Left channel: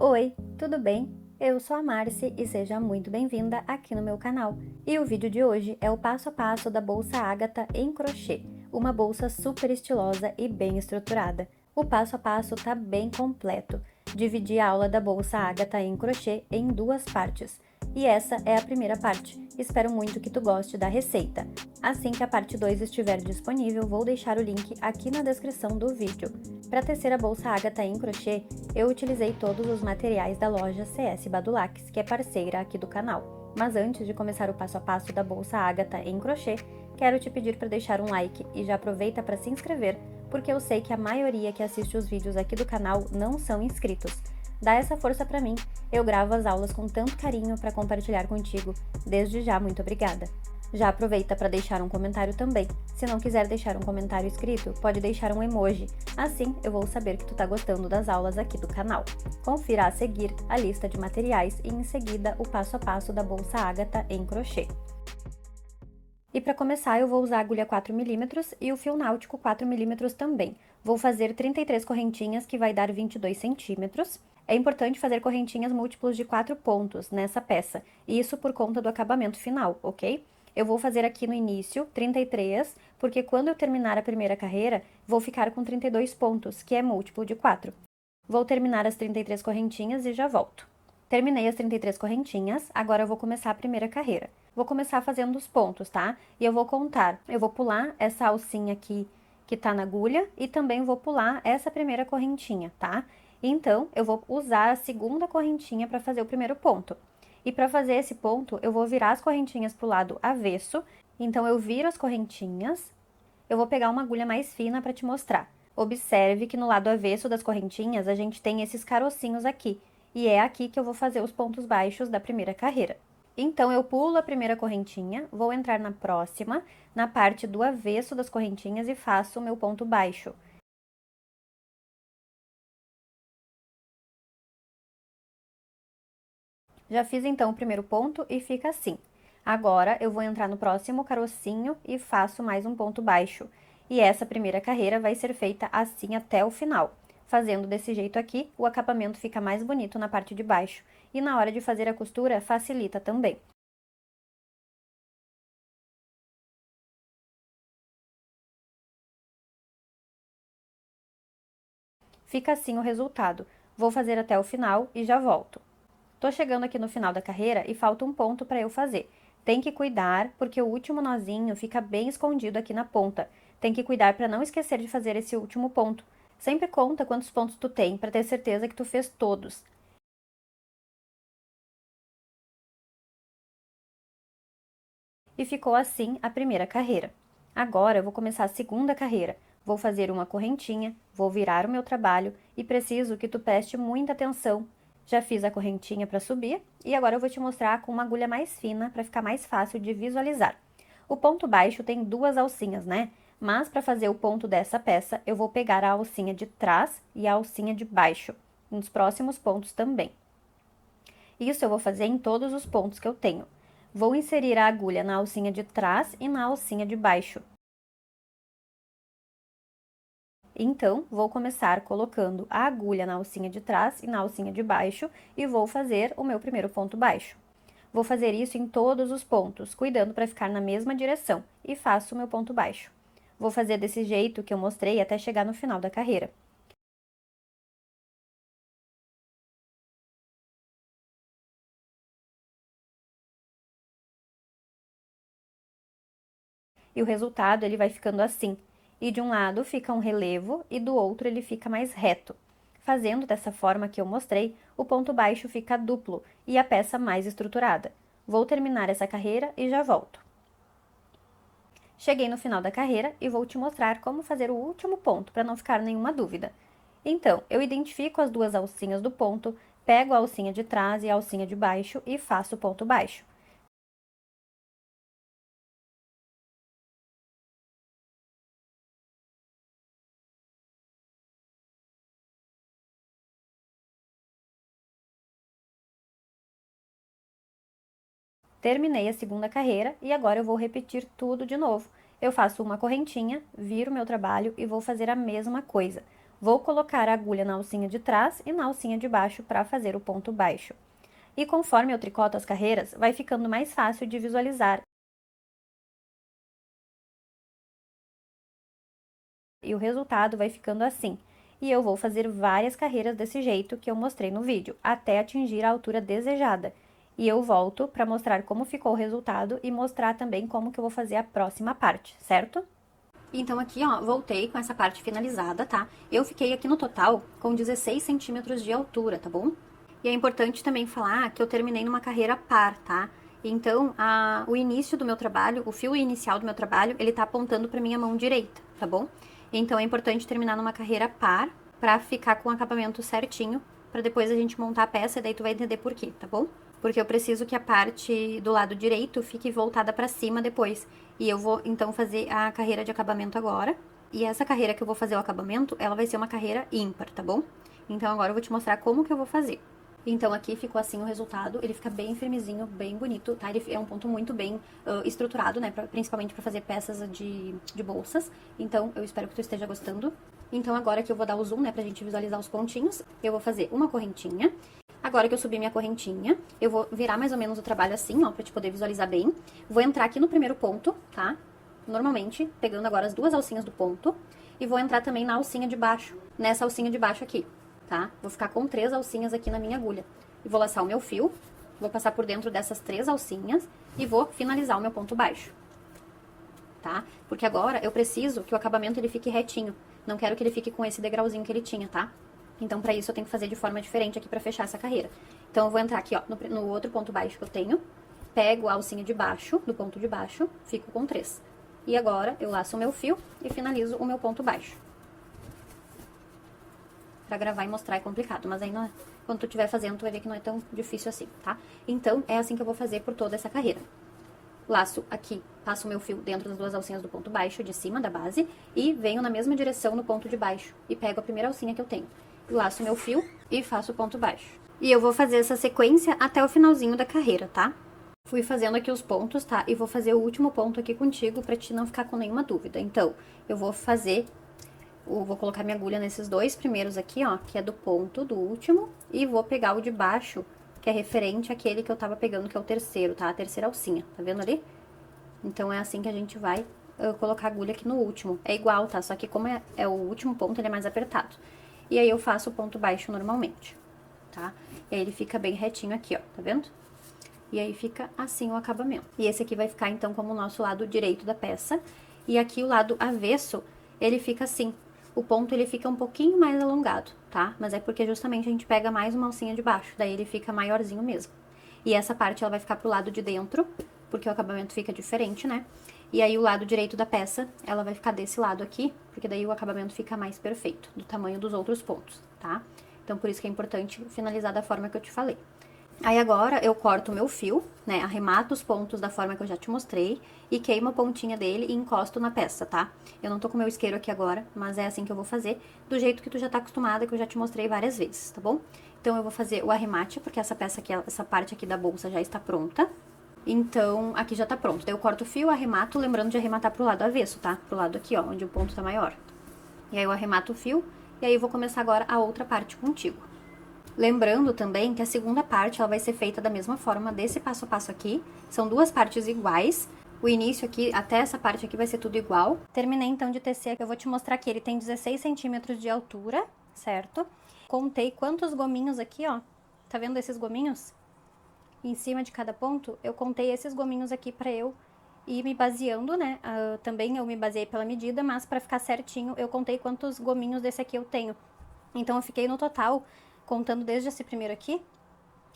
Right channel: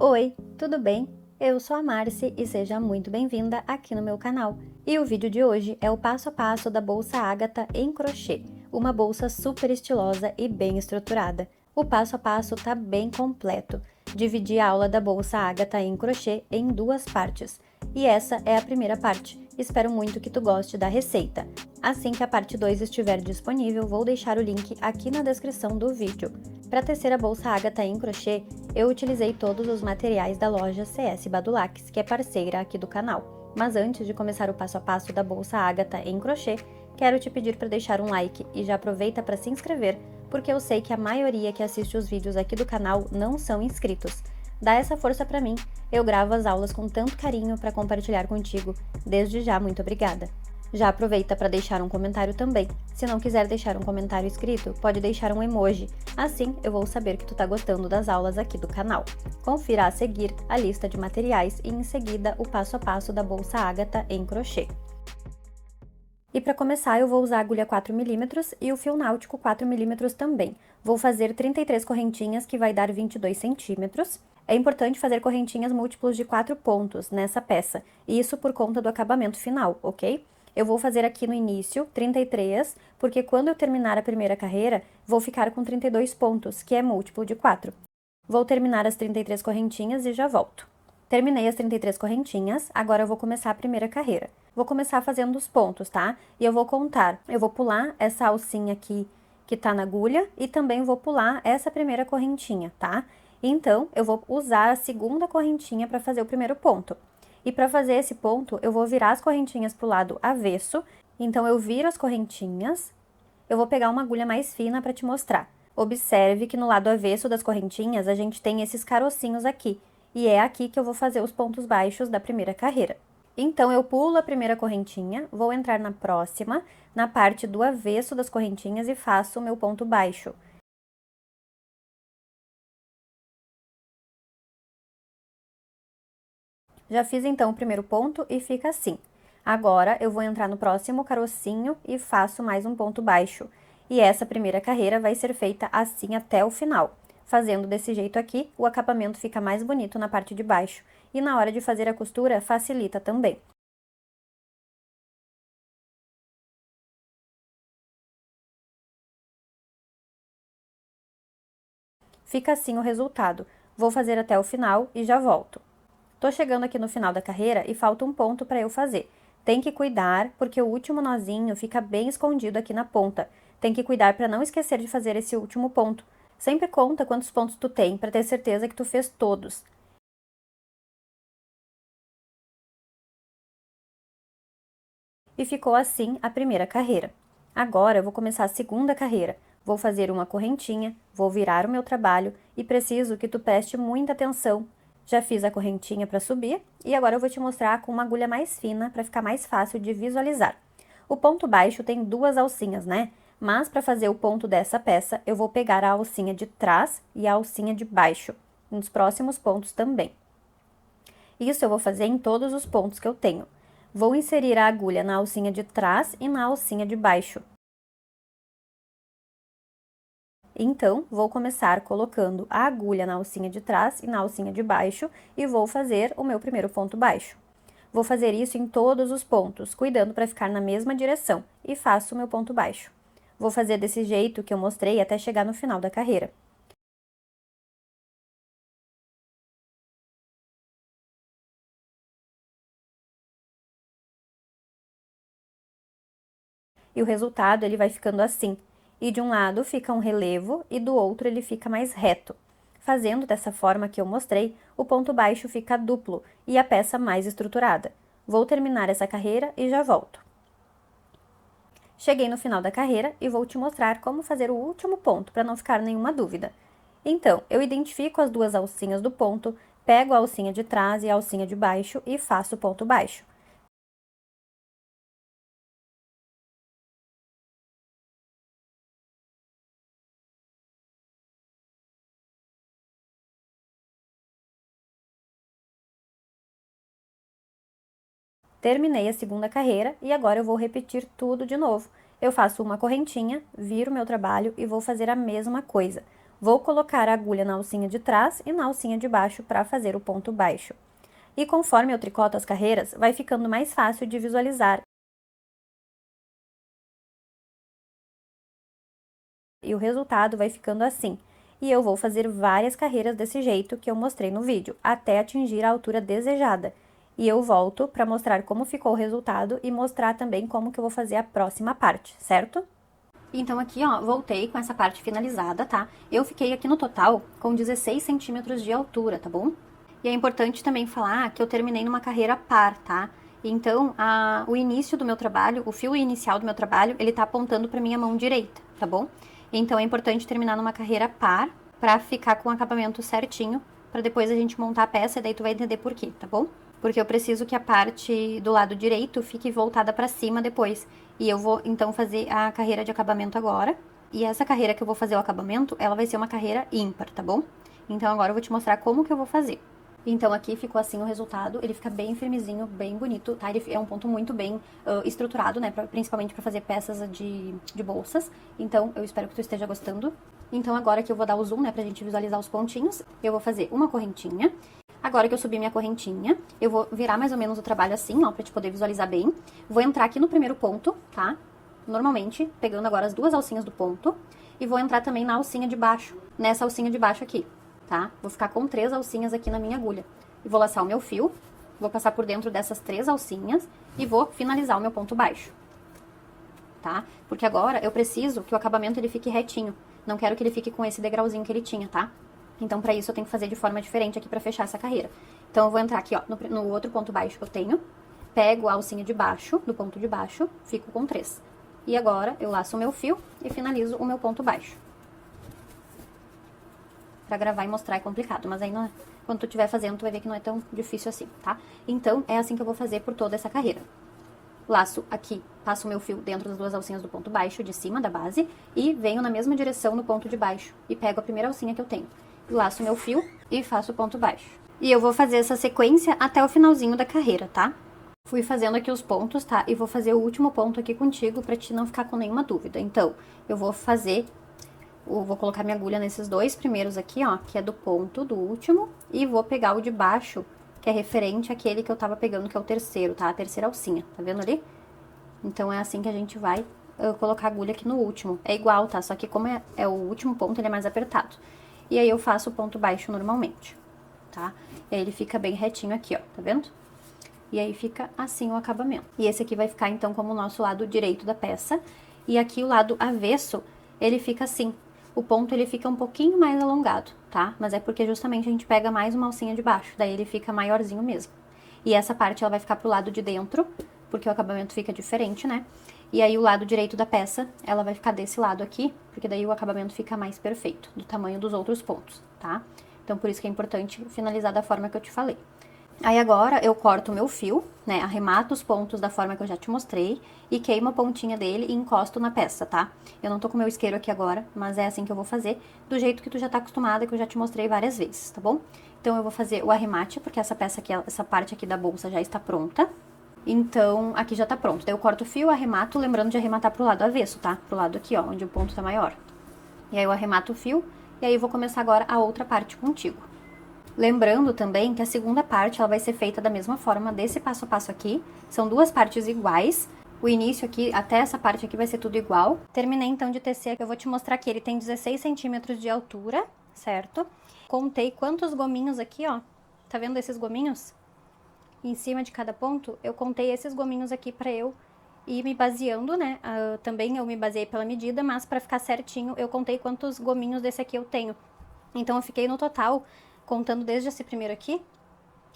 Oi, tudo bem? Eu sou a Marci e seja muito bem-vinda aqui no meu canal. E o vídeo de hoje é o passo a passo da bolsa Ágata em crochê, uma bolsa super estilosa e bem estruturada. O passo a passo tá bem completo. Dividi a aula da bolsa Ágata em crochê em duas partes. E essa é a primeira parte. Espero muito que tu goste da receita. Assim que a parte 2 estiver disponível, vou deixar o link aqui na descrição do vídeo. Para tecer a bolsa Ágata em crochê, eu utilizei todos os materiais da loja CS Badulax, que é parceira aqui do canal. Mas antes de começar o passo a passo da bolsa Ágata em crochê, quero te pedir para deixar um like e já aproveita para se inscrever, porque eu sei que a maioria que assiste os vídeos aqui do canal não são inscritos. Dá essa força para mim, eu gravo as aulas com tanto carinho para compartilhar contigo. Desde já, muito obrigada! Já aproveita para deixar um comentário também. Se não quiser deixar um comentário escrito, pode deixar um emoji. Assim eu vou saber que tu tá gostando das aulas aqui do canal. Confira a seguir a lista de materiais e em seguida o passo a passo da bolsa Ágata em crochê. E para começar eu vou usar a agulha 4mm e o fio náutico 4mm também. Vou fazer 33 correntinhas que vai dar 22 centímetros. É importante fazer correntinhas múltiplos de 4 pontos nessa peça, isso por conta do acabamento final, ok? Eu vou fazer aqui no início 33, porque quando eu terminar a primeira carreira, vou ficar com 32 pontos, que é múltiplo de 4. Vou terminar as 33 correntinhas e já volto. Terminei as 33 correntinhas, agora eu vou começar a primeira carreira. Vou começar fazendo os pontos, tá? E eu vou contar. Eu vou pular essa alcinha aqui que tá na agulha e também vou pular essa primeira correntinha, tá? Então, eu vou usar a segunda correntinha para fazer o primeiro ponto. E para fazer esse ponto, eu vou virar as correntinhas pro lado avesso. Então, eu viro as correntinhas. Eu vou pegar uma agulha mais fina para te mostrar. Observe que no lado avesso das correntinhas, a gente tem esses carocinhos aqui. E é aqui que eu vou fazer os pontos baixos da primeira carreira. Então, eu pulo a primeira correntinha, vou entrar na próxima, na parte do avesso das correntinhas e faço o meu ponto baixo. Já fiz então o primeiro ponto e fica assim. Agora, eu vou entrar no próximo carocinho e faço mais um ponto baixo. E essa primeira carreira vai ser feita assim até o final. Fazendo desse jeito aqui, o acabamento fica mais bonito na parte de baixo. E na hora de fazer a costura, facilita também. Fica assim o resultado. Vou fazer até o final e já volto. Tô chegando aqui no final da carreira e falta um ponto para eu fazer. Tem que cuidar, porque o último nozinho fica bem escondido aqui na ponta. Tem que cuidar para não esquecer de fazer esse último ponto. Sempre conta quantos pontos tu tem, para ter certeza que tu fez todos. E ficou assim a primeira carreira. Agora eu vou começar a segunda carreira. Vou fazer uma correntinha, vou virar o meu trabalho e preciso que tu preste muita atenção. Já fiz a correntinha para subir e agora eu vou te mostrar com uma agulha mais fina para ficar mais fácil de visualizar. O ponto baixo tem duas alcinhas, né? Mas para fazer o ponto dessa peça, eu vou pegar a alcinha de trás e a alcinha de baixo, nos próximos pontos também. Isso eu vou fazer em todos os pontos que eu tenho. Vou inserir a agulha na alcinha de trás e na alcinha de baixo. Então, vou começar colocando a agulha na alcinha de trás e na alcinha de baixo e vou fazer o meu primeiro ponto baixo. Vou fazer isso em todos os pontos, cuidando para ficar na mesma direção, e faço o meu ponto baixo. Vou fazer desse jeito que eu mostrei até chegar no final da carreira. E o resultado, ele vai ficando assim. E de um lado fica um relevo e do outro ele fica mais reto. Fazendo dessa forma que eu mostrei, o ponto baixo fica duplo e a peça mais estruturada. Vou terminar essa carreira e já volto. Cheguei no final da carreira e vou te mostrar como fazer o último ponto, para não ficar nenhuma dúvida. Então, eu identifico as duas alcinhas do ponto, pego a alcinha de trás e a alcinha de baixo e faço o ponto baixo. Terminei a segunda carreira e agora eu vou repetir tudo de novo. Eu faço uma correntinha, viro meu trabalho e vou fazer a mesma coisa. Vou colocar a agulha na alcinha de trás e na alcinha de baixo para fazer o ponto baixo. E conforme eu tricoto as carreiras, vai ficando mais fácil de visualizar. E o resultado vai ficando assim. E eu vou fazer várias carreiras desse jeito que eu mostrei no vídeo, até atingir a altura desejada. E eu volto para mostrar como ficou o resultado e mostrar também como que eu vou fazer a próxima parte, certo? Então aqui, ó, voltei com essa parte finalizada, tá? Eu fiquei aqui no total com 16 centímetros de altura, tá bom? E é importante também falar que eu terminei numa carreira par, tá? Então, o início do meu trabalho, o fio inicial do meu trabalho, ele tá apontando pra minha mão direita, tá bom? Então, é importante terminar numa carreira par pra ficar com o acabamento certinho, pra depois a gente montar a peça e daí tu vai entender por quê, tá bom? Porque eu preciso que a parte do lado direito fique voltada pra cima depois. E eu vou, então, fazer a carreira de acabamento agora. E essa carreira que eu vou fazer o acabamento, ela vai ser uma carreira ímpar, tá bom? Então, agora eu vou te mostrar como que eu vou fazer. Então, aqui ficou assim o resultado. Ele fica bem firmezinho, bem bonito, tá? Ele é um ponto muito bem estruturado, né? Principalmente para fazer peças de bolsas. Então, eu espero que tu esteja gostando. Então, agora que eu vou dar o zoom, né? Pra gente visualizar os pontinhos, eu vou fazer uma correntinha. Agora que eu subi minha correntinha, eu vou virar mais ou menos o trabalho assim, ó, pra te poder visualizar bem. Vou entrar aqui no primeiro ponto, tá? Normalmente, pegando agora as duas alcinhas do ponto. E vou entrar também na alcinha de baixo, nessa alcinha de baixo aqui, tá? Vou ficar com 3 alcinhas aqui na minha agulha. Eu vou laçar o meu fio, vou passar por dentro dessas 3 alcinhas e vou finalizar o meu ponto baixo, tá? Porque agora eu preciso que o acabamento ele fique retinho. Não quero que ele fique com esse degrauzinho que ele tinha, tá? Então, pra isso, eu tenho que fazer de forma diferente aqui pra fechar essa carreira. Então, eu vou entrar aqui, ó, no outro ponto baixo que eu tenho, pego a alcinha de baixo, do ponto de baixo, fico com 3. E agora, eu laço o meu fio e finalizo o meu ponto baixo. Pra gravar e mostrar é complicado, mas aí quando tu estiver fazendo, tu vai ver que não é tão difícil assim, tá? Então, é assim que eu vou fazer por toda essa carreira. Laço aqui, passo o meu fio dentro das duas alcinhas do ponto baixo, de cima da base, e venho na mesma direção no ponto de baixo. E pego a primeira alcinha que eu tenho. Laço meu fio e faço o ponto baixo. E eu vou fazer essa sequência até o finalzinho da carreira, tá? Fui fazendo aqui os pontos, tá? E vou fazer o último ponto aqui contigo pra te não ficar com nenhuma dúvida. Então, eu vou colocar minha agulha nesses dois primeiros aqui, ó, que é do ponto do último, e vou pegar o de baixo, que é referente àquele que eu tava pegando, que é o terceiro, tá? A terceira alcinha, tá vendo ali? Então, é assim que a gente vai colocar a agulha aqui no último. É igual, tá? Só que como é o último ponto, ele é mais apertado. E aí, eu faço o ponto baixo normalmente, tá? Ele fica bem retinho aqui, ó, tá vendo? E aí, fica assim o acabamento. E esse aqui vai ficar, então, como o nosso lado direito da peça. E aqui, o lado avesso, ele fica assim. O ponto, ele fica um pouquinho mais alongado, tá? Mas é porque justamente a gente pega mais uma alcinha de baixo. Daí, ele fica maiorzinho mesmo. E essa parte, ela vai ficar pro lado de dentro, porque o acabamento fica diferente, né? E aí, o lado direito da peça, ela vai ficar desse lado aqui, porque daí o acabamento fica mais perfeito, do tamanho dos outros pontos, tá? Então, por isso que é importante finalizar da forma que eu te falei. Aí agora eu corto o meu fio, né, arremato os pontos da forma que eu já te mostrei e queimo a pontinha dele e encosto na peça, tá? Eu não tô com o meu isqueiro aqui agora, mas é assim que eu vou fazer, do jeito que tu já tá acostumada, que eu já te mostrei várias vezes, tá bom? Então eu vou fazer o arremate, porque essa peça aqui, essa parte aqui da bolsa já está pronta. Então, aqui já tá pronto. Daí eu corto o fio, arremato, lembrando de arrematar pro lado avesso, tá? Pro lado aqui, ó, onde o ponto tá maior. E aí eu arremato o fio, e aí eu vou começar agora a outra parte contigo. Lembrando também que a segunda parte, ela vai ser feita da mesma forma, desse passo a passo aqui. São duas partes iguais. O início aqui, até essa parte aqui vai ser tudo igual. Terminei então de tecer, eu vou te mostrar que ele tem 16 centímetros de altura, certo? Contei quantos gominhos aqui, ó. Tá vendo esses gominhos? Em cima de cada ponto, eu contei esses gominhos aqui pra eu ir me baseando, né? Também eu me baseei pela medida, mas pra ficar certinho, eu contei quantos gominhos desse aqui eu tenho. Então, eu fiquei no total, contando desde esse primeiro aqui,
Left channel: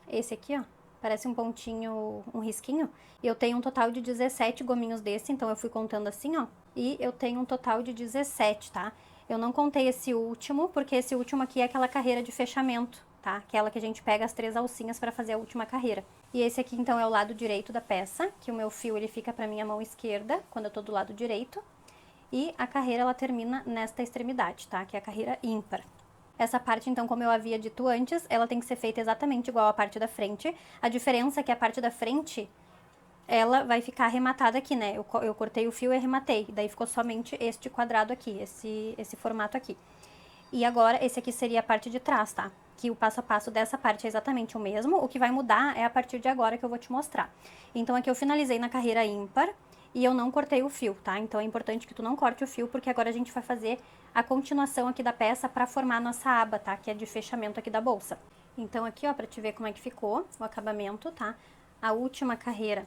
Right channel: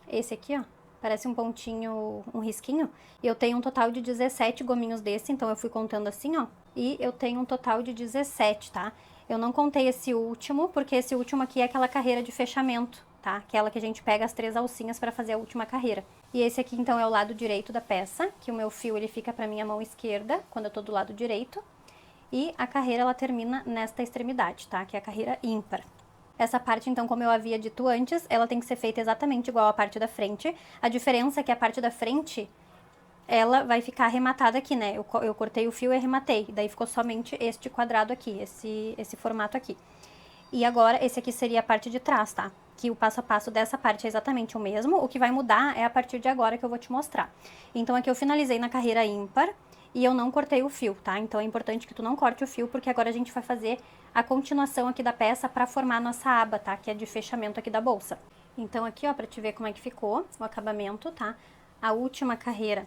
esse aqui, ó, parece um pontinho, um risquinho, e eu tenho um total de 17 gominhos desse, então eu fui contando assim, ó, e eu tenho um total de 17, tá? Eu não contei esse último, porque esse último aqui é aquela carreira de fechamento, tá? Aquela que a gente pega as 3 alcinhas pra fazer a última carreira. E esse aqui, então, é o lado direito da peça, que o meu fio, ele fica pra minha mão esquerda, quando eu tô do lado direito, e a carreira, ela termina nesta extremidade, tá? Que é a carreira ímpar. Essa parte, então, como eu havia dito antes, ela tem que ser feita exatamente igual à parte da frente. A diferença é que a parte da frente, ela vai ficar arrematada aqui, né? Eu cortei o fio e arrematei. Daí ficou somente este quadrado aqui, esse formato aqui. E agora, esse aqui seria a parte de trás, tá? Que o passo a passo dessa parte é exatamente o mesmo. O que vai mudar é a partir de agora que eu vou te mostrar. Então, aqui eu finalizei na carreira ímpar e eu não cortei o fio, tá? Então, é importante que tu não corte o fio, porque agora a gente vai fazer a continuação aqui da peça pra formar a nossa aba, tá? Que é de fechamento aqui da bolsa. Então, aqui, ó, pra te ver como é que ficou o acabamento, tá? A última carreira.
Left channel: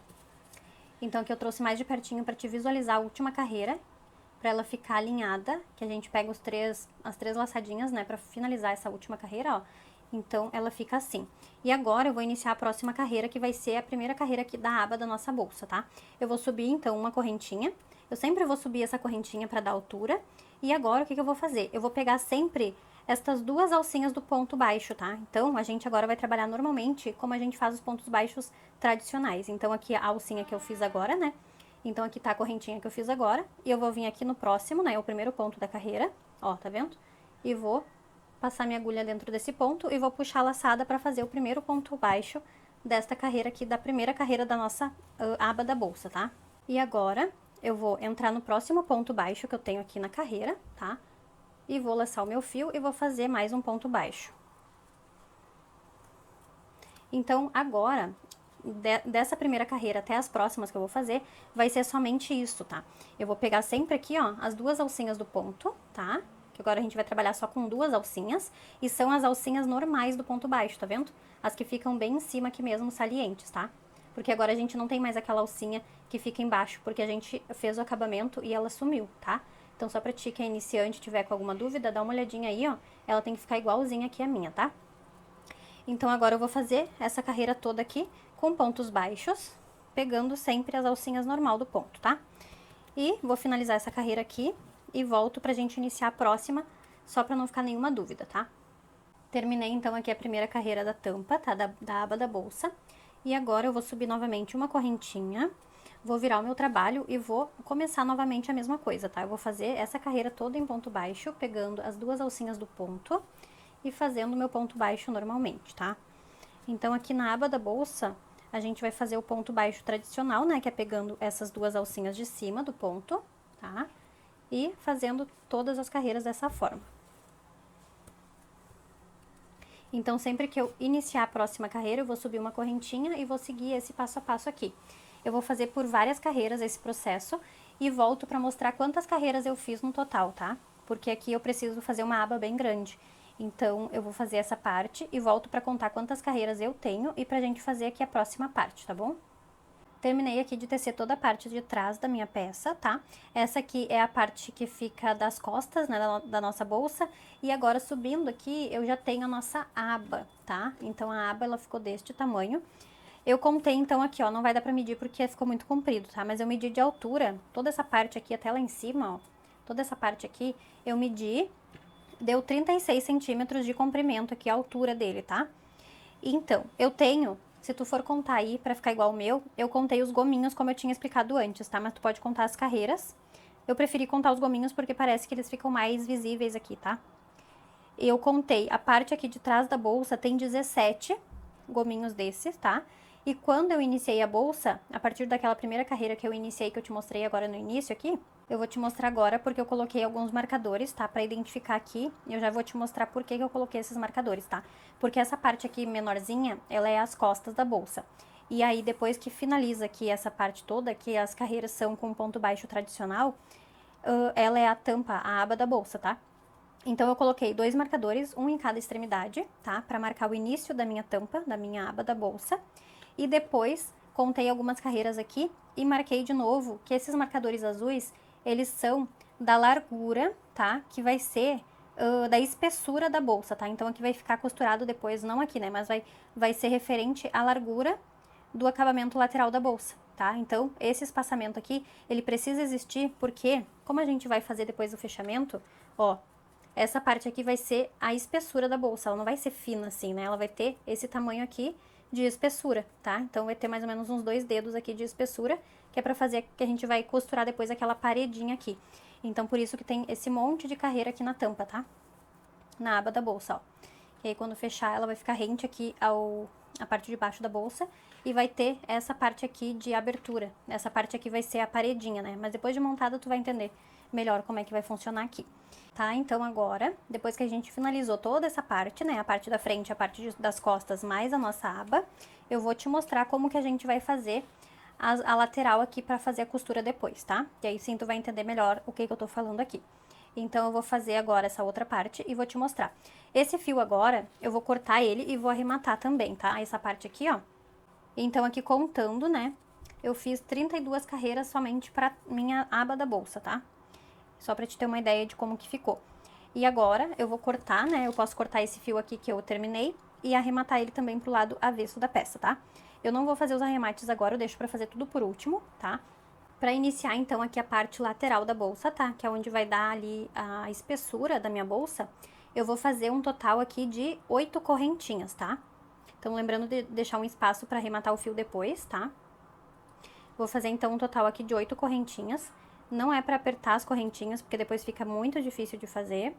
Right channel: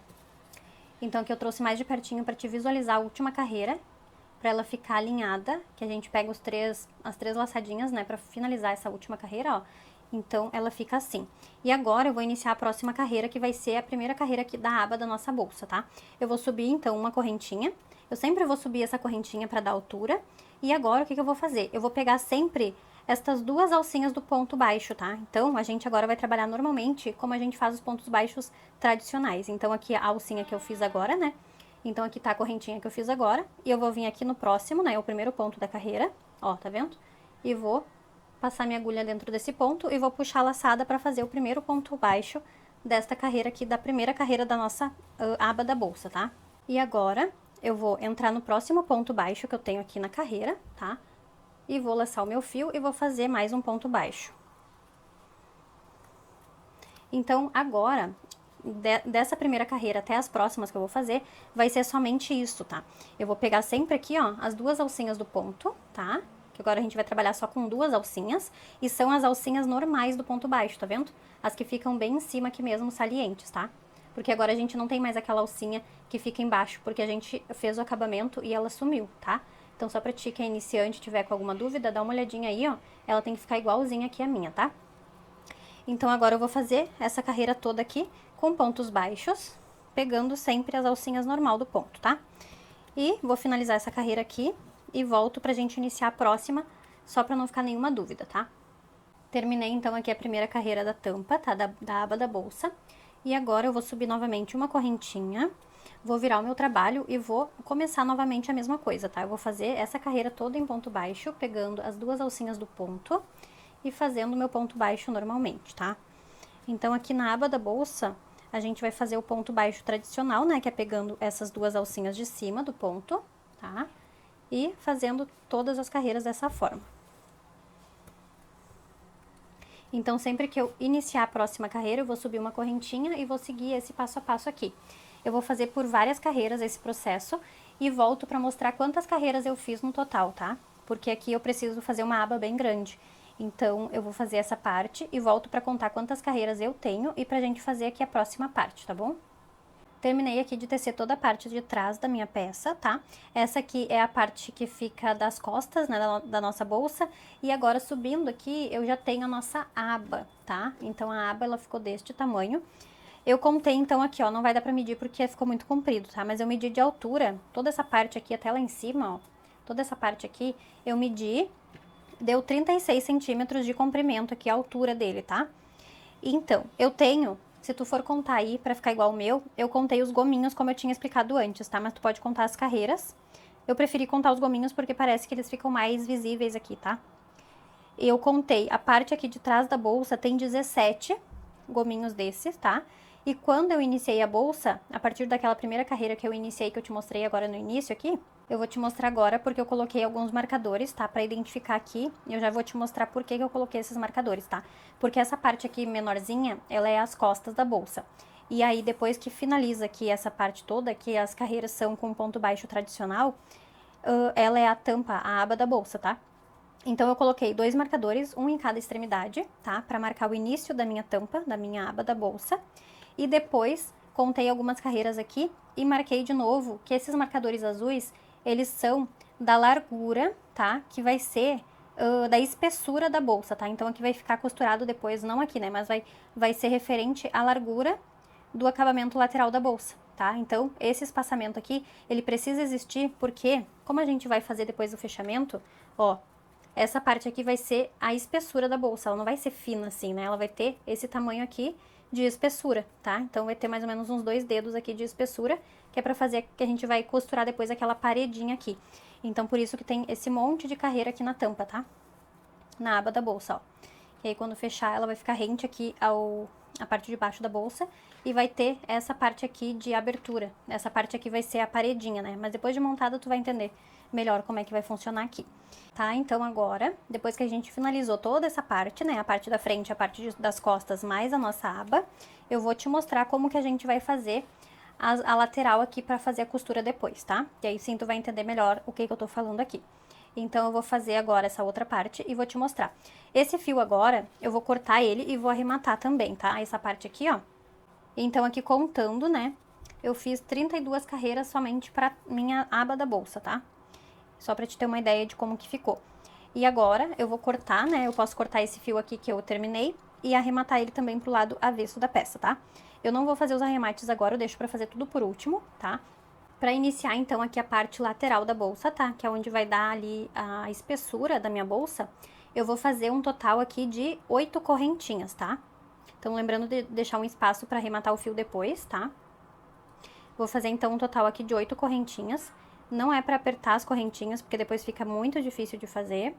Então, aqui eu trouxe mais de pertinho pra te visualizar a última carreira, pra ela ficar alinhada, que a gente pega as três laçadinhas, né, pra finalizar essa última carreira, ó. Então, ela fica assim. E agora eu vou iniciar a próxima carreira, que vai ser a primeira carreira aqui da aba da nossa bolsa, tá? Eu vou subir, então, uma correntinha. Eu sempre vou subir essa correntinha pra dar altura. E agora, o que que eu vou fazer? Eu vou pegar sempre estas duas alcinhas do ponto baixo, tá? Então, a gente agora vai trabalhar normalmente como a gente faz os pontos baixos tradicionais. Então, aqui a alcinha que eu fiz agora, né? Então, aqui tá a correntinha que eu fiz agora. E eu vou vir aqui no próximo, né? O primeiro ponto da carreira. Ó, tá vendo? E vou passar minha agulha dentro desse ponto e vou puxar a laçada pra fazer o primeiro ponto baixo desta carreira aqui, da primeira carreira da nossa aba da bolsa, tá? E agora, eu vou entrar no próximo ponto baixo que eu tenho aqui na carreira, tá? E vou laçar o meu fio e vou fazer mais um ponto baixo. Então, agora, dessa primeira carreira até as próximas que eu vou fazer, vai ser somente isso, tá? Eu vou pegar sempre aqui, ó, as duas alcinhas do ponto, tá? Que agora a gente vai trabalhar só com duas alcinhas, e são as alcinhas normais do ponto baixo, tá vendo? As que ficam bem em cima aqui mesmo, salientes, tá? Porque agora a gente não tem mais aquela alcinha que fica embaixo, porque a gente fez o acabamento e ela sumiu, tá? Então, só pra ti que é iniciante, tiver com alguma dúvida, dá uma olhadinha aí, ó. Ela tem que ficar igualzinha aqui a minha, tá? Então, agora eu vou fazer essa carreira toda aqui com pontos baixos, pegando sempre as alcinhas normal do ponto, tá? E vou finalizar essa carreira aqui e volto pra gente iniciar a próxima, só pra não ficar nenhuma dúvida, tá? Terminei, então, aqui a primeira carreira da tampa, tá? Da aba da bolsa. E agora eu vou subir novamente uma correntinha, vou virar o meu trabalho e vou começar novamente a mesma coisa, tá? Eu vou fazer essa carreira toda em ponto baixo, pegando as duas alcinhas do ponto e fazendo o meu ponto baixo normalmente, tá? Então, aqui na aba da bolsa, a gente vai fazer o ponto baixo tradicional, né? Que é pegando essas duas alcinhas de cima do ponto, tá? E fazendo todas as carreiras dessa forma. Então, sempre que eu iniciar a próxima carreira, eu vou subir uma correntinha e vou seguir esse passo a passo aqui. Eu vou fazer por várias carreiras esse processo e volto pra mostrar quantas carreiras eu fiz no total, tá? Porque aqui eu preciso fazer uma aba bem grande. Então, eu vou fazer essa parte e volto pra contar quantas carreiras eu tenho e pra gente fazer aqui a próxima parte, tá bom? Terminei aqui de tecer toda a parte de trás da minha peça, tá? Essa aqui é a parte que fica das costas, né, da nossa bolsa. E agora, subindo aqui, eu já tenho a nossa aba, tá? Então, a aba, ela ficou deste tamanho. Eu contei, então, aqui, ó, não vai dar pra medir porque ficou muito comprido, tá? Mas eu medi de altura, toda essa parte aqui até lá em cima, ó. Toda essa parte aqui, eu medi, deu 36 centímetros de comprimento aqui, a altura dele, tá? Então, eu tenho, se tu for contar aí pra ficar igual o meu, eu contei os gominhos como eu tinha explicado antes, tá? Mas tu pode contar as carreiras. Eu preferi contar os gominhos porque parece que eles ficam mais visíveis aqui, tá? Eu contei, a parte aqui de trás da bolsa tem 17 gominhos desses, tá? E quando eu iniciei a bolsa, a partir daquela primeira carreira que eu iniciei, que eu te mostrei agora no início aqui, eu vou te mostrar agora porque eu coloquei alguns marcadores, tá? Pra identificar aqui, e eu já vou te mostrar por que eu coloquei esses marcadores, tá? Porque essa parte aqui menorzinha, ela é as costas da bolsa. E aí, depois que finaliza aqui essa parte toda, que as carreiras são com ponto baixo tradicional, ela é a tampa, a aba da bolsa, tá? Então, eu coloquei dois marcadores, um em cada extremidade, tá? Pra marcar o início da minha tampa, da minha aba da bolsa. E depois, contei algumas carreiras aqui e marquei de novo que esses marcadores azuis, eles são da largura, tá? Que vai ser da espessura da bolsa, tá? Então, aqui vai ficar costurado depois, não aqui, né? Mas vai ser referente à largura do acabamento lateral da bolsa, tá? Então, esse espaçamento aqui, ele precisa existir porque, como a gente vai fazer depois o fechamento, ó, essa parte aqui vai ser a espessura da bolsa, ela não vai ser fina assim, né? Ela vai ter esse tamanho aqui de espessura, tá? Então, vai ter mais ou menos uns 2 dedos aqui de espessura, que é pra fazer que a gente vai costurar depois aquela paredinha aqui. Então, por isso que tem esse monte de carreira aqui na tampa, tá? Na aba da bolsa, ó. E aí, quando fechar, ela vai ficar rente aqui a parte de baixo da bolsa e vai ter essa parte aqui de abertura. Essa parte aqui vai ser a paredinha, né? Mas depois de montado, tu vai entender melhor como é que vai funcionar aqui. Tá, então agora, depois que a gente finalizou toda essa parte, né, a parte da frente, a parte das costas, mais a nossa aba, eu vou te mostrar como que a gente vai fazer a lateral aqui pra fazer a costura depois, tá? E aí sim tu vai entender melhor o que eu tô falando aqui. Então, eu vou fazer agora essa outra parte e vou te mostrar. Esse fio agora, eu vou cortar ele e vou arrematar também, tá? Essa parte aqui, ó. Então, aqui contando, né, eu fiz 32 carreiras somente pra minha aba da bolsa, tá? Só pra te ter uma ideia de como que ficou. E agora, eu vou cortar, né, eu posso cortar esse fio aqui que eu terminei e arrematar ele também pro lado avesso da peça, tá? Eu não vou fazer os arremates agora, eu deixo pra fazer tudo por último, tá? Pra iniciar, então, aqui a parte lateral da bolsa, tá? Que é onde vai dar ali a espessura da minha bolsa. Eu vou fazer um total aqui de 8 correntinhas, tá? Então, lembrando de deixar um espaço pra arrematar o fio depois, tá? Vou fazer, então, um total aqui de 8 correntinhas. Não é pra apertar as correntinhas, porque depois fica muito difícil de fazer.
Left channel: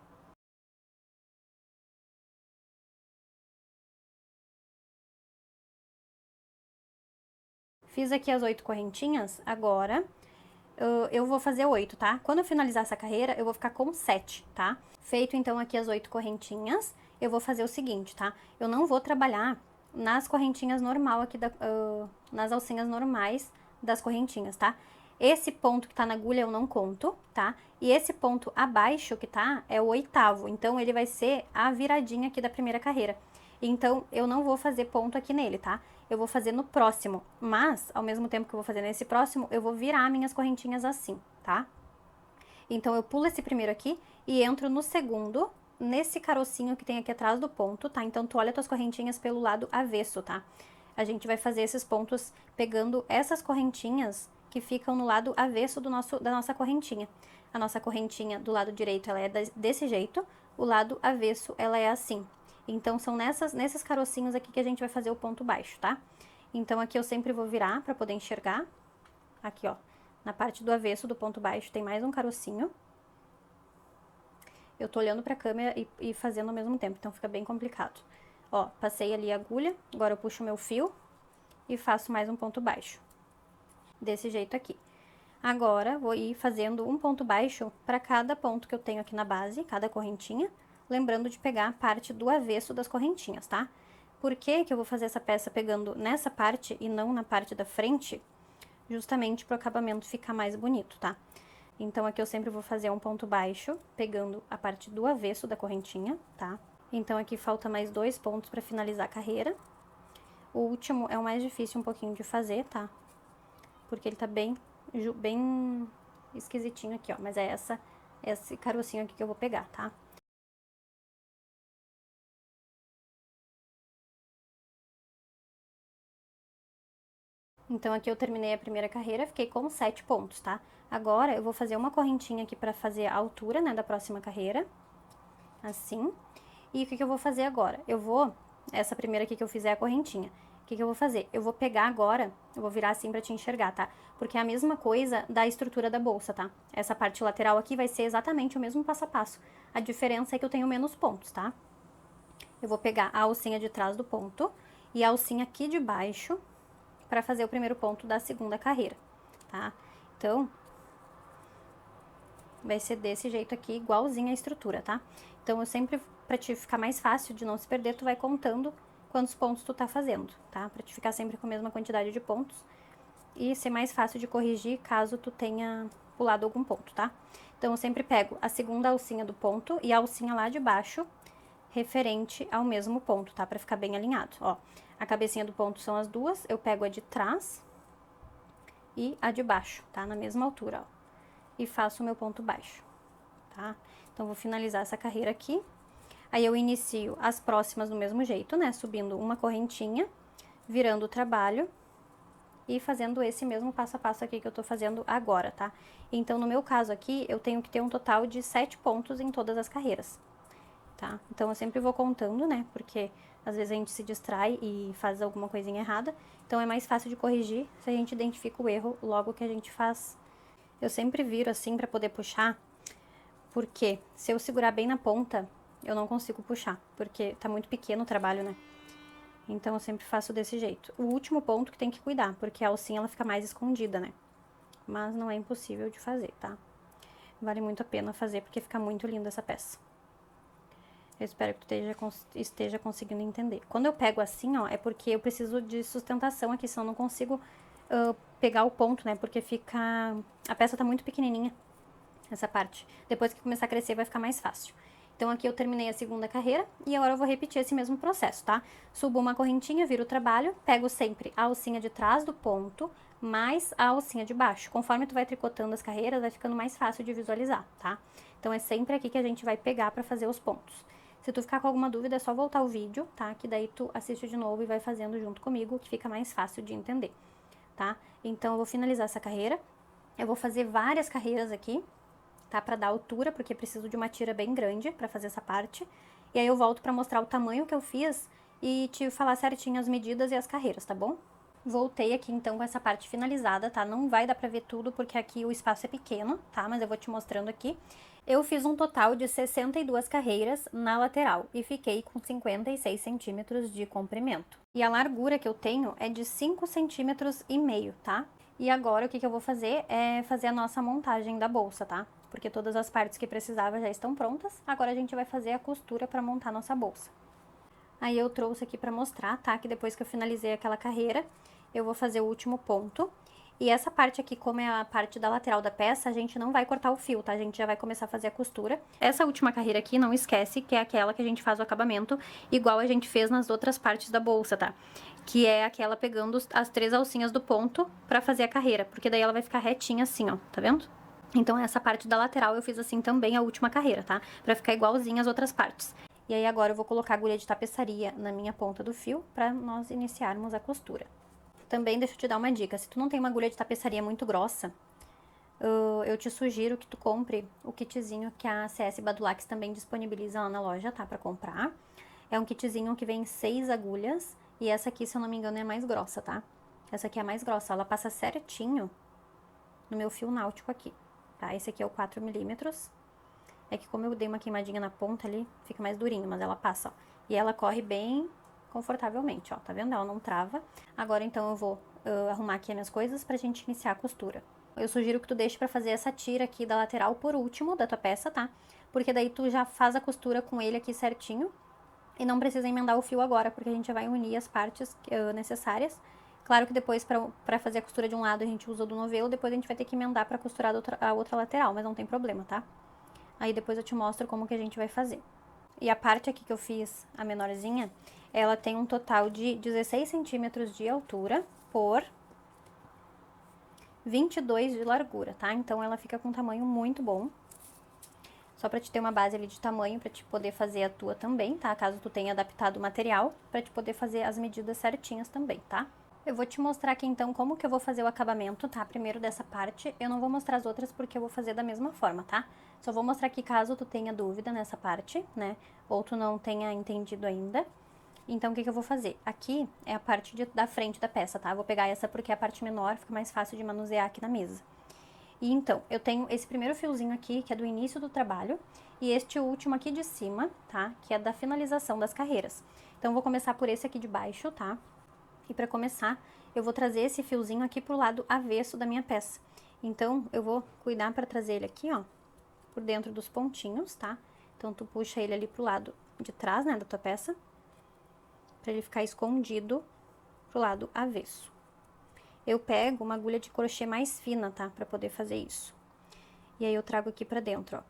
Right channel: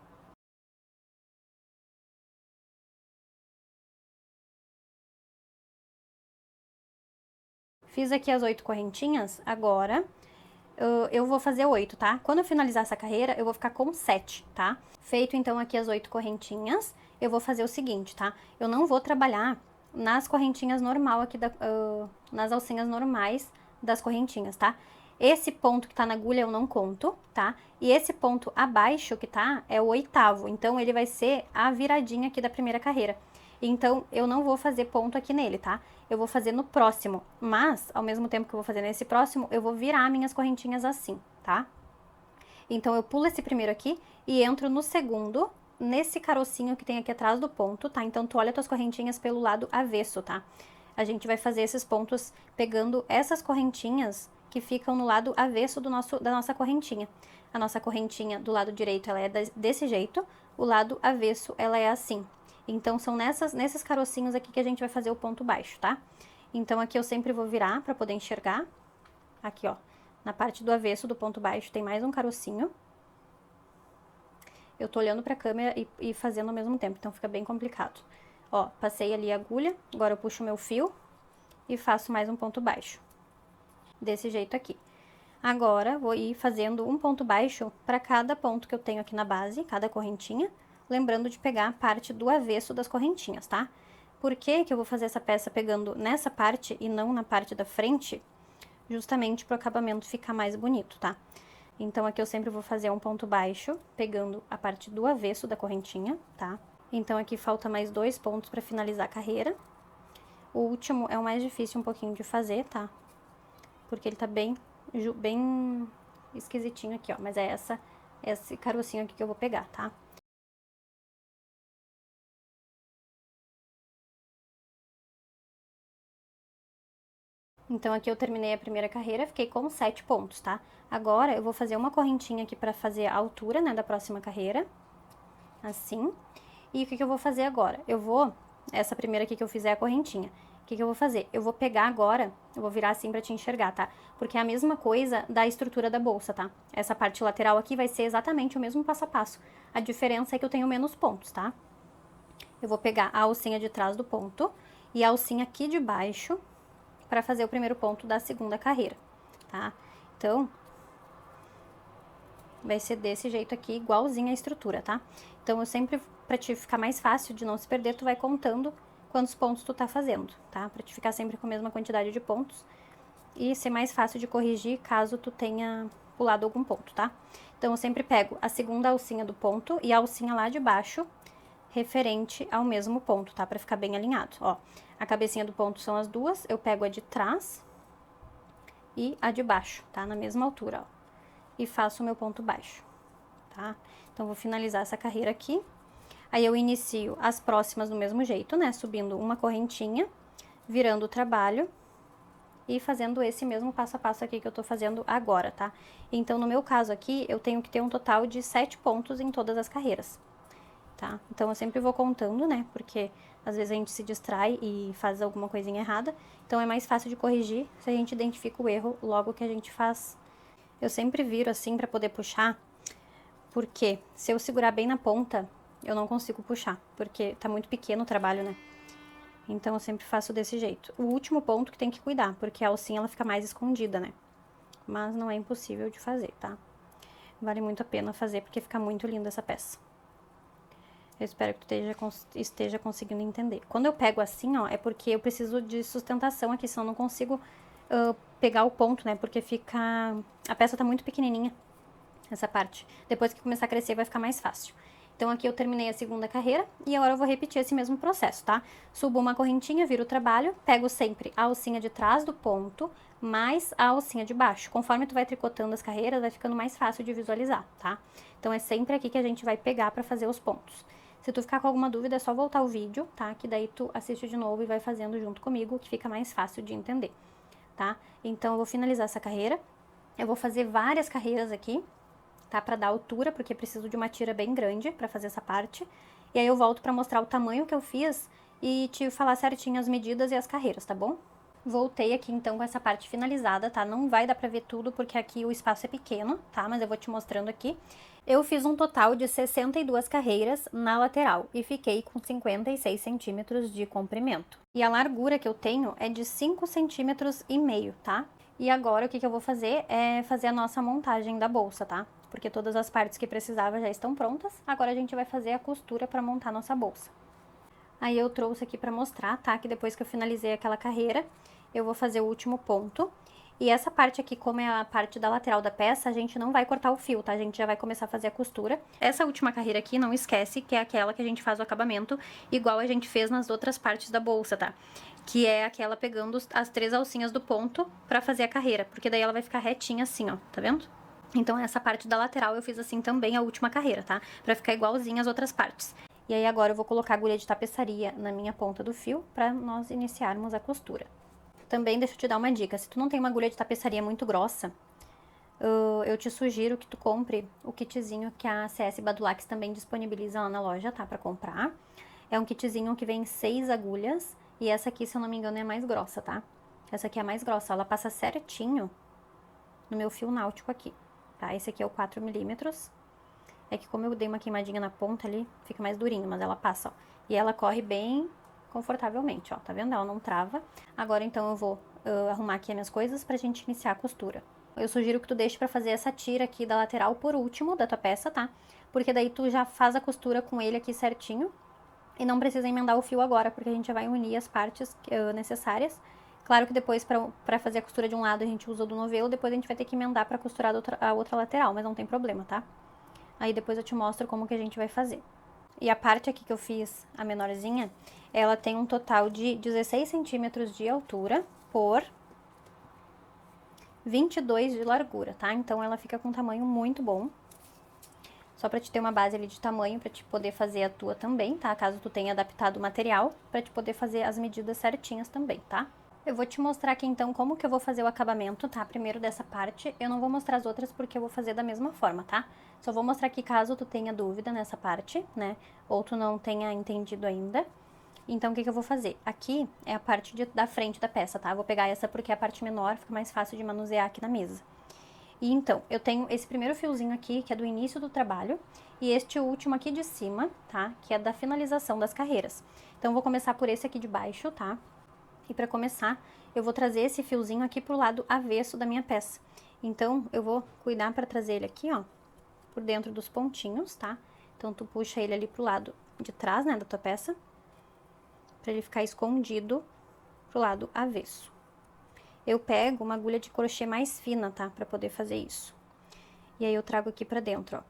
Fiz aqui as 8 correntinhas, agora eu vou fazer 8, tá? Quando eu finalizar essa carreira, eu vou ficar com 7, tá? Feito, então, aqui as 8 correntinhas, eu vou fazer o seguinte, tá? Eu não vou trabalhar nas correntinhas normal aqui, nas alcinhas normais das correntinhas, tá? Esse ponto que tá na agulha eu não conto, tá? E esse ponto abaixo que tá é o 8º, então ele vai ser a viradinha aqui da primeira carreira. Então, eu não vou fazer ponto aqui nele, tá? Eu vou fazer no próximo, mas, ao mesmo tempo que eu vou fazer nesse próximo, eu vou virar minhas correntinhas assim, tá? Então, eu pulo esse primeiro aqui e entro no segundo, nesse carocinho que tem aqui atrás do ponto, tá? Então, tu olha tuas correntinhas pelo lado avesso, tá? A gente vai fazer esses pontos pegando essas correntinhas que ficam no lado avesso da nossa correntinha. A nossa correntinha do lado direito, ela é desse jeito, o lado avesso, ela é assim. Então, são nesses carocinhos aqui que a gente vai fazer o ponto baixo, tá? Então, aqui eu sempre vou virar pra poder enxergar. Aqui, ó, na parte do avesso do ponto baixo tem mais um carocinho. Eu tô olhando pra câmera e fazendo ao mesmo tempo, então fica bem complicado. Ó, passei ali a agulha, agora eu puxo o meu fio e faço mais um ponto baixo. Desse jeito aqui. Agora, vou ir fazendo um ponto baixo pra cada ponto que eu tenho aqui na base, cada correntinha. Lembrando de pegar a parte do avesso das correntinhas, tá? Por que que eu vou fazer essa peça pegando nessa parte e não na parte da frente? Justamente para o acabamento ficar mais bonito, tá? Então, aqui eu sempre vou fazer um ponto baixo, pegando a parte do avesso da correntinha, tá? Então, aqui falta mais 2 pontos para finalizar a carreira. O último é o mais difícil um pouquinho de fazer, tá? Porque ele tá bem esquisitinho aqui, ó. Mas é esse carocinho aqui que eu vou pegar, tá? Então, aqui eu terminei a primeira carreira, fiquei com 7 pontos, tá? Agora, eu vou fazer uma correntinha aqui pra fazer a altura, né, da próxima carreira. Assim. E o que eu vou fazer agora? Essa primeira aqui que eu fizer a correntinha. O que eu vou fazer? Eu vou pegar agora, eu vou virar assim pra te enxergar, tá? Porque é a mesma coisa da estrutura da bolsa, tá? Essa parte lateral aqui vai ser exatamente o mesmo passo a passo. A diferença é que eu tenho menos pontos, tá? Eu vou pegar a alcinha de trás do ponto e a alcinha aqui de baixo para fazer o primeiro ponto da segunda carreira, tá? Então, vai ser desse jeito aqui, igualzinho a estrutura, tá? Então, eu sempre, pra te ficar mais fácil de não se perder, tu vai contando quantos pontos tu tá fazendo, tá? Pra te ficar sempre com a mesma quantidade de pontos e ser mais fácil de corrigir caso tu tenha pulado algum ponto, tá? Então, eu sempre pego a segunda alcinha do ponto e a alcinha lá de baixo, referente ao mesmo ponto, tá? Pra ficar bem alinhado, ó. A cabecinha do ponto são as duas, eu pego a de trás e a de baixo, tá? Na mesma altura, ó. E faço o meu ponto baixo, tá? Então, vou finalizar essa carreira aqui. Aí, eu inicio as próximas do mesmo jeito, né? Subindo uma correntinha, virando o trabalho e fazendo esse mesmo passo a passo aqui que eu tô fazendo agora, tá? Então, no meu caso aqui, eu tenho que ter um total de 7 pontos em todas as carreiras, tá? Então, eu sempre vou contando, né? Porque às vezes a gente se distrai e faz alguma coisinha errada. Então, é mais fácil de corrigir se a gente identifica o erro logo que a gente faz. Eu sempre viro assim pra poder puxar, porque se eu segurar bem na ponta, eu não consigo puxar, porque tá muito pequeno o trabalho, né? Então, eu sempre faço desse jeito. O último ponto que tem que cuidar, porque a alcinha ela fica mais escondida, né? Mas não é impossível de fazer, tá? vale muito a pena fazer, porque fica muito linda essa peça. Eu espero que tu esteja conseguindo entender. Quando eu pego assim, ó, é porque eu preciso de sustentação aqui, senão eu não consigo pegar o ponto, né? Porque fica... A peça tá muito pequenininha, essa parte. Depois que começar a crescer, vai ficar mais fácil. Então, aqui eu terminei a segunda carreira e agora eu vou repetir esse mesmo processo, tá? Subo uma correntinha, viro o trabalho, pego sempre a alcinha de trás do ponto, mais a alcinha de baixo. Conforme tu vai tricotando as carreiras, vai ficando mais fácil de visualizar, tá? Então, é sempre aqui que a gente vai pegar pra fazer os pontos. Se tu ficar com alguma dúvida, é só voltar o vídeo, tá? Que daí tu assiste de novo e vai fazendo junto comigo, que fica mais fácil de entender, tá? Então, eu vou finalizar essa carreira. Eu vou fazer várias carreiras aqui, tá? Pra dar altura, porque preciso de uma tira bem grande pra fazer essa parte. E aí eu volto pra mostrar o tamanho que eu fiz e te falar certinho as medidas e as carreiras, tá bom? Voltei aqui então com essa parte finalizada, tá? Não vai dar pra ver tudo porque aqui o espaço é pequeno, tá? Mas eu vou te mostrando aqui. Eu fiz um total de 62 carreiras na lateral e fiquei com 56 centímetros de comprimento. E a largura que eu tenho é de 5,5 centímetros, tá? E agora o que eu vou fazer é fazer a nossa montagem da bolsa, tá? Porque todas as partes que precisava já estão prontas. Agora a gente vai fazer a costura pra montar nossa bolsa. Aí eu trouxe aqui pra mostrar, tá? Que depois que eu finalizei aquela carreira, eu vou fazer o último ponto. E essa parte aqui, como é a parte da lateral da peça, a gente não vai cortar o fio, tá? A gente já vai começar a fazer a costura. Essa última carreira aqui, não esquece, que é aquela que a gente faz o acabamento, igual a gente fez nas outras partes da bolsa, tá? Que é aquela pegando as 3 alcinhas do ponto pra fazer a carreira, porque daí ela vai ficar retinha assim, ó, tá vendo? Então essa parte da lateral eu fiz assim também a última carreira, tá? Pra ficar igualzinha as outras partes. E aí agora eu vou colocar a agulha de tapeçaria na minha ponta do fio pra nós iniciarmos a costura. Também deixa eu te dar uma dica, se tu não tem uma agulha de tapeçaria muito grossa, eu te sugiro que tu compre o kitzinho que a CS Badulax também disponibiliza lá na loja, tá? Pra comprar. É um kitzinho que vem 6 agulhas e essa aqui, se eu não me engano, é a mais grossa, tá? Essa aqui é a mais grossa, ela passa certinho no meu fio náutico aqui, tá? Esse aqui é o 4 milímetros. É que como eu dei uma queimadinha na ponta ali, fica mais durinho, mas ela passa, ó. E ela corre bem confortavelmente, ó, tá vendo? Ela não trava. Agora, então, eu vou arrumar aqui as minhas coisas pra gente iniciar a costura. Eu sugiro que tu deixe pra fazer essa tira aqui da lateral por último da tua peça, tá? Porque daí tu já faz a costura com ele aqui certinho e não precisa emendar o fio agora, porque a gente vai unir as partes necessárias. Claro que depois, pra fazer a costura de um lado, a gente usa o do novelo, depois a gente vai ter que emendar pra costurar a outra lateral, mas não tem problema, tá? Aí depois eu te mostro como que a gente vai fazer. E a parte aqui que eu fiz, a menorzinha, ela tem um total de 16 centímetros de altura por 22 de largura, tá? Então ela fica com um tamanho muito bom. Só pra te ter uma base ali de tamanho, pra te poder fazer a tua também, tá? Caso tu tenha adaptado o material, pra te poder fazer as medidas certinhas também, tá? Eu vou te mostrar aqui, então, como que eu vou fazer o acabamento, tá? Primeiro dessa parte, eu não vou mostrar as outras porque eu vou fazer da mesma forma, tá? Só vou mostrar aqui caso tu tenha dúvida nessa parte, né? Ou tu não tenha entendido ainda. Então, o que que eu vou fazer? Aqui é a parte da frente da peça, tá? Eu vou pegar essa porque é a parte menor, fica mais fácil de manusear aqui na mesa. E então, eu tenho esse primeiro fiozinho aqui, que é do início do trabalho, e este último aqui de cima, tá? Que é da finalização das carreiras. Então, eu vou começar por esse aqui de baixo, tá? E pra começar, eu vou trazer esse fiozinho aqui pro lado avesso da minha peça. Então, eu vou cuidar pra trazer ele aqui, ó, por dentro dos pontinhos, tá? Então, tu puxa ele ali pro lado de trás, né, da tua peça, pra ele ficar escondido pro lado avesso. Eu pego uma agulha de crochê mais fina, tá? Pra poder fazer isso. E aí, eu trago aqui pra dentro, ó,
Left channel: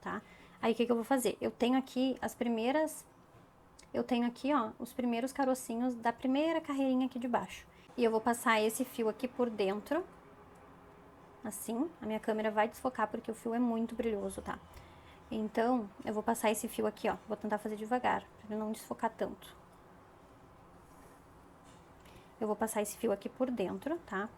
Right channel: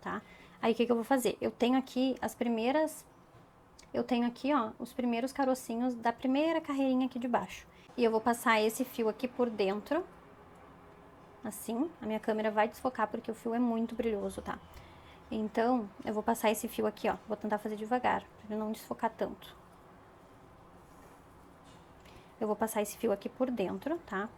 tá? Aí, o que que eu vou fazer? Eu tenho aqui ó, os primeiros carocinhos da primeira carreirinha aqui de baixo. E eu vou passar esse fio aqui por dentro, assim. A minha câmera vai desfocar porque o fio é muito brilhoso, tá? Então, eu vou passar esse fio aqui, ó. Vou tentar fazer devagar, pra não desfocar tanto. Eu vou passar esse fio aqui por dentro, tá?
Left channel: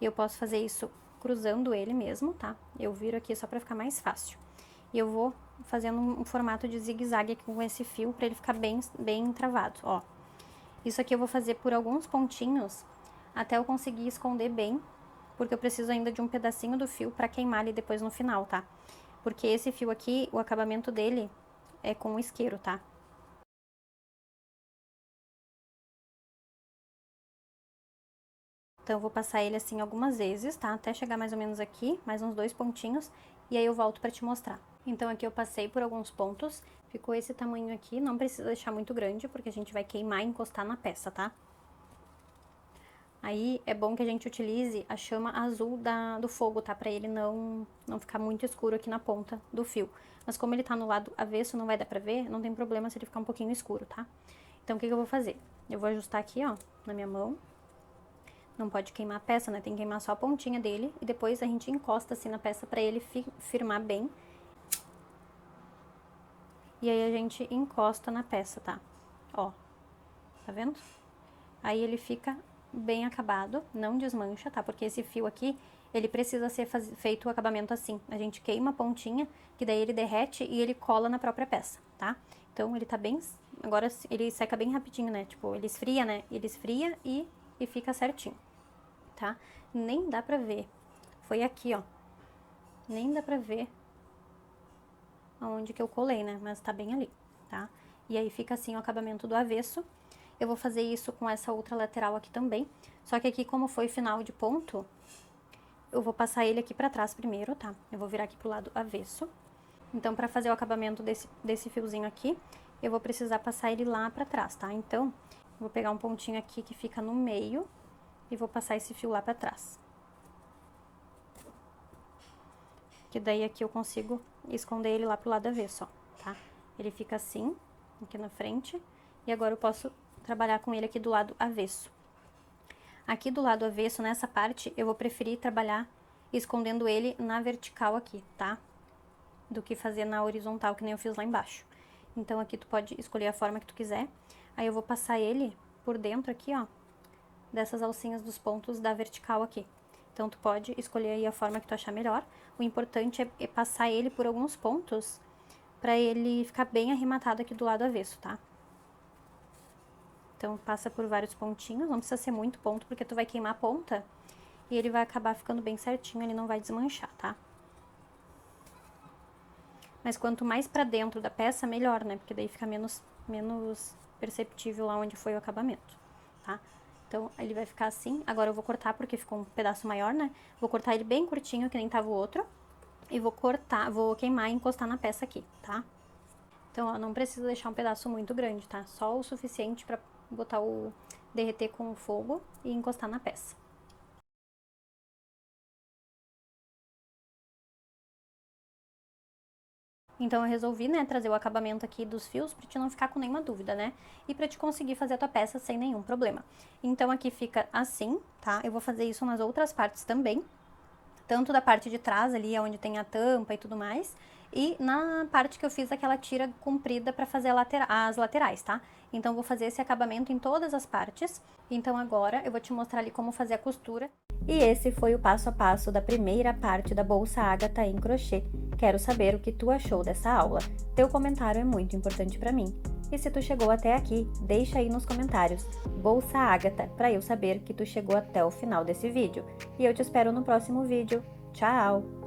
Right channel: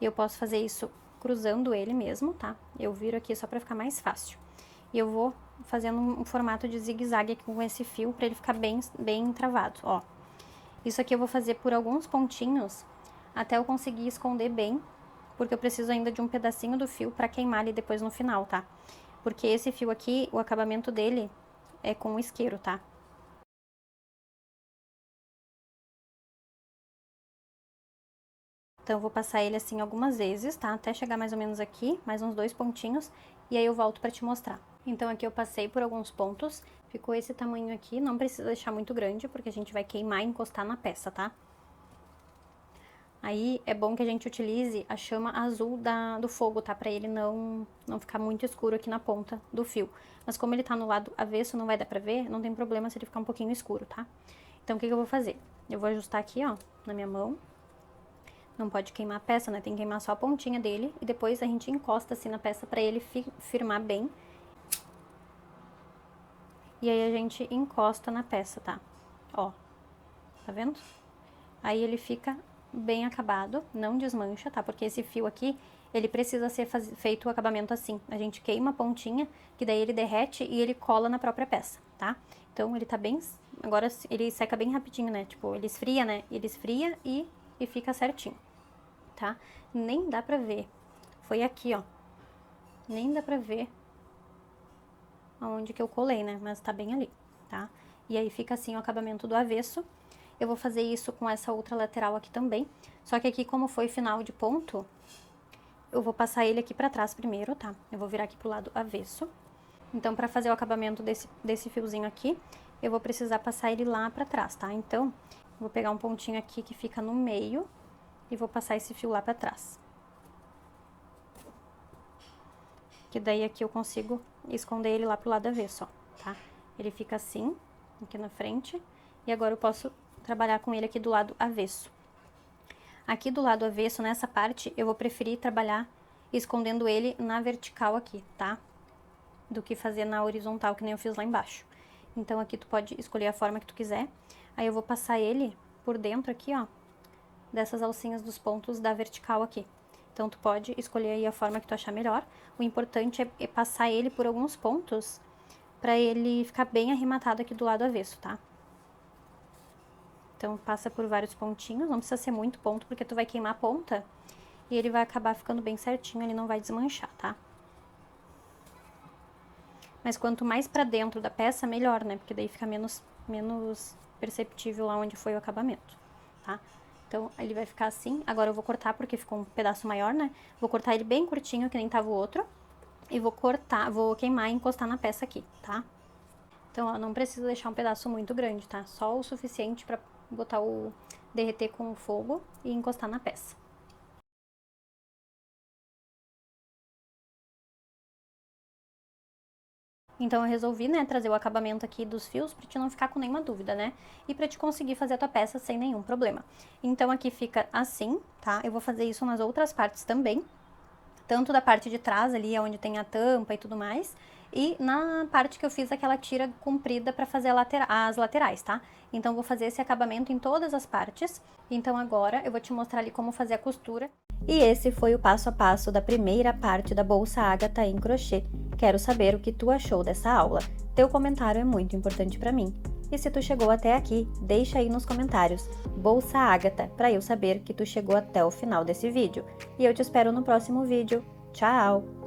Eu posso fazer isso cruzando ele mesmo, tá? Eu viro aqui só pra ficar mais fácil. E eu vou fazendo um formato de zigue-zague aqui com esse fio pra ele ficar bem travado, ó. Isso aqui eu vou fazer por alguns pontinhos até eu conseguir esconder bem, porque eu preciso ainda de um pedacinho do fio pra queimar ali depois no final, tá? Porque esse fio aqui, o acabamento dele é com o isqueiro, tá? Então, eu vou passar ele assim algumas vezes, tá? Até chegar mais ou menos aqui, mais uns 2 pontinhos, e aí eu volto pra te mostrar. Então, aqui eu passei por alguns pontos, ficou esse tamanho aqui, não precisa deixar muito grande, porque a gente vai queimar e encostar na peça, tá? Aí, é bom que a gente utilize a chama azul do fogo, tá? Pra ele não ficar muito escuro aqui na ponta do fio. Mas como ele tá no lado avesso, não vai dar pra ver, não tem problema se ele ficar um pouquinho escuro, tá? Então, o que eu vou fazer? Eu vou ajustar aqui, ó, na minha mão. Não pode queimar a peça, né? Tem que queimar só a pontinha dele. E depois a gente encosta assim na peça pra ele firmar bem. E aí a gente encosta na peça, tá? Ó, tá vendo? Aí ele fica bem acabado, não desmancha, tá? Porque esse fio aqui, ele precisa ser feito o acabamento assim. A gente queima a pontinha, que daí ele derrete e ele cola na própria peça, tá? Então ele tá bem... Agora ele seca bem rapidinho, né? Tipo, ele esfria, né? Ele esfria e fica certinho, tá? Nem dá pra ver. Foi aqui, ó. Nem dá pra ver onde que eu colei, né? Mas tá bem ali, tá? E aí fica assim o acabamento do avesso. Eu vou fazer isso com essa outra lateral aqui também. Só que aqui, como foi final de ponto, eu vou passar ele aqui pra trás primeiro, tá? Eu vou virar aqui pro lado avesso. Então, pra fazer o acabamento desse fiozinho aqui, eu vou precisar passar ele lá pra trás, tá? Então, eu vou pegar um pontinho aqui que fica no meio e vou passar esse fio lá pra trás. Que daí aqui eu consigo esconder ele lá pro lado avesso, ó, tá? Ele fica assim, aqui na frente, e agora eu posso trabalhar com ele aqui do lado avesso. Aqui do lado avesso, nessa parte, eu vou preferir trabalhar escondendo ele na vertical aqui, tá? Do que fazer na horizontal, que nem eu fiz lá embaixo. Então, aqui tu pode escolher a forma que tu quiser. Aí eu vou passar ele por dentro aqui, ó, dessas alcinhas dos pontos da vertical aqui. Então, tu pode escolher aí a forma que tu achar melhor. O importante é passar ele por alguns pontos pra ele ficar bem arrematado aqui do lado avesso, tá? Então, passa por vários pontinhos, não precisa ser muito ponto, porque tu vai queimar a ponta e ele vai acabar ficando bem certinho, ele não vai desmanchar, tá? Mas quanto mais pra dentro da peça, melhor, né? Porque daí fica menos perceptível lá onde foi o acabamento, tá? Então, ele vai ficar assim. Agora eu vou cortar, porque ficou um pedaço maior, né? Vou cortar ele bem curtinho, que nem tava o outro. E vou cortar, vou queimar e encostar na peça aqui, tá? Então, ó, não precisa deixar um pedaço muito grande, tá? Só o suficiente pra botar derreter com o fogo e encostar na peça. Então, eu resolvi, né, trazer o acabamento aqui dos fios pra te não ficar com nenhuma dúvida, né? E pra te conseguir fazer a tua peça sem nenhum problema. Então, aqui fica assim, tá? Eu vou fazer isso nas outras partes também. Tanto da parte de trás ali, onde tem a tampa e tudo mais, e na parte que eu fiz aquela tira comprida pra fazer as laterais, tá? Então, eu vou fazer esse acabamento em todas as partes. Então, agora, eu vou te mostrar ali como fazer a costura. E esse foi o passo a passo da primeira parte da bolsa Ágata em crochê. Quero saber o que tu achou dessa aula. Teu comentário é muito importante pra mim. E se tu chegou até aqui, deixa aí nos comentários Bolsa Ágata, para eu saber que tu chegou até o final desse vídeo. E eu te espero no próximo vídeo. Tchau!